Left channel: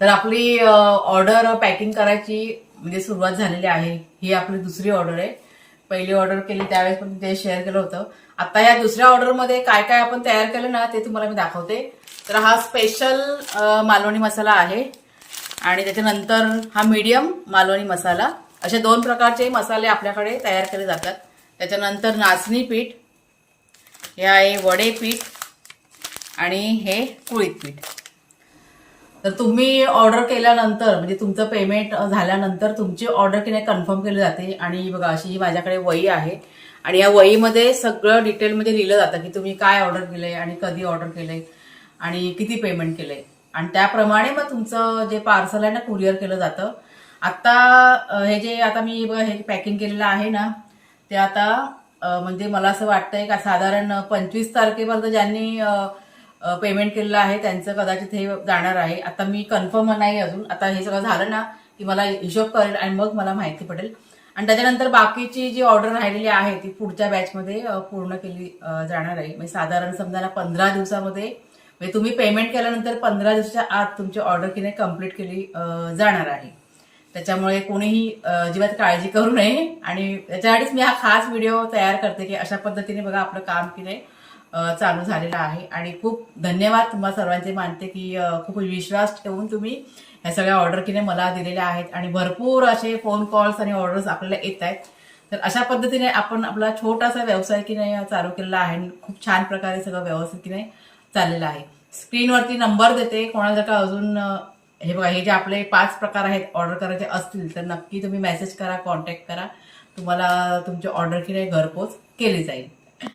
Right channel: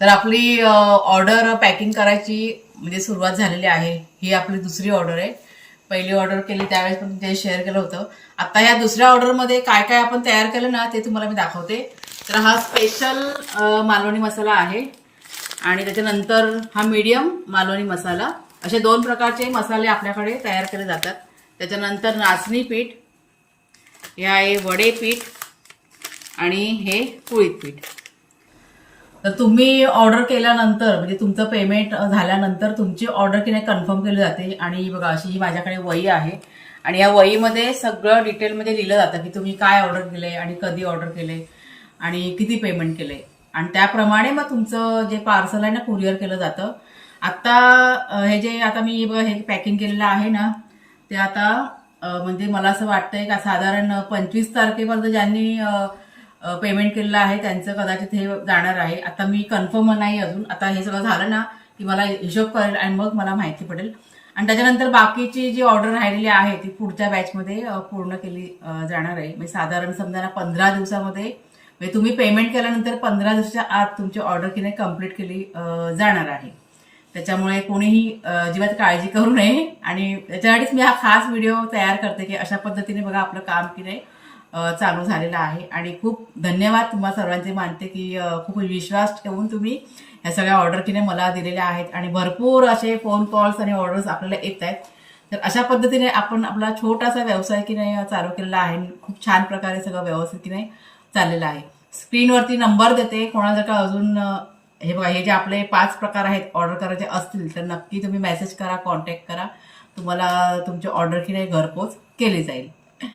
तर आपली order packing करायची म्हणजे सुरुवात झालेली आहे. ही आपली दुसरी ऑर्डर आहे. पहिली ऑर्डर केली त्यावेळेस पण तुमच्याशी शेअर केलं होतं. आता या दुसऱ्या ऑर्डरमध्ये काय काय आपण तयार केलं ना ते तुम्हाला मी दाखवते. तर हा स्पेशल मालवणी मसाला आहे आणि त्याच्यानंतर हा मीडियम मालवणी मसाला, असे दोन प्रकारचे मसाले आपल्याकडे तयार केले जातात. त्याच्यानंतर नाचणी पीठ, हे आहे वडे पीठ आणि हे कुळीत पीठ. तर तुम्ही ऑर्डर केल्यानंतर म्हणजे तुमचं पेमेंट झाल्यानंतर तुमची ऑर्डर की नाही कन्फर्म केली जाते. आणि बघा अशी ही माझ्याकडे वही आहे आणि या वहीमध्ये सगळं डिटेलमध्ये लिहिलं जातं की तुम्ही काय ऑर्डर केलंय आणि कधी ऑर्डर केलंय आणि किती पेमेंट केलंय, आणि त्याप्रमाणे मग तुमचं जे पार्सल आहे ना कुरिअर केलं जातं. आता हे जे आता मी बघा हे पॅकिंग केलेलं आहे ना ते आता म्हणजे मला असं वाटतंय का साधारण 25 तारखेपर्यंत ज्यांनी पेमेंट केलेलं आहे त्यांचं कदाचित हे जाणार आहे. आता मी कन्फर्म नाही अजून. आता हे सगळं झालं ना की मला हिशोब करेल आणि मग मला माहिती पडेल. आणि त्याच्यानंतर बाकीची जी ऑर्डर राहिलेली आहे ती पुढच्या बॅचमध्ये पूर्ण केली जाणार आहे. म्हणजे साधारण समजा ना 15 दिवसामध्ये, म्हणजे तुम्ही पेमेंट केल्यानंतर 15 दिवसाच्या आत तुमची ऑर्डर की नाही कम्प्लीट केली जाणार आहे. त्याच्यामुळे कोणीही अजिबात काळजी करू नये. आणि त्याच्यासाठीच मी हा खास व्हिडिओ तयार करते की अशा पद्धतीने बघा आपलं काम की नाही चालू झालेलं आहे. आणि खूप धन्यवाद तुम्हा सर्वांचे मानते की खूप विश्वास ठेवून तुम्ही ह्या सगळ्या ऑर्डर की नाही मला दिलेल्या आहेत आणि भरपूर असे फोन कॉल्स आणि ऑर्डर्स आपल्याला येत आहेत. तर अशा पद्धतीने आपण आपला छोटासा व्यवसाय की नाही चालू केलेला आहे. खूप छान प्रकारे सगळं व्यवस्थित की नाही चाललेलं आहे. स्क्रीनवरती नंबर देते, कोणाला जर का अजून हे बघा हे जे आपले 5 प्रकार आहेत ऑर्डर करायचे असतील तर नक्की तुम्ही मेसेज करा, कॉन्टॅक्ट करा. तुम्हाला तुमची ऑर्डर की नाही घरपोच केली जाईल.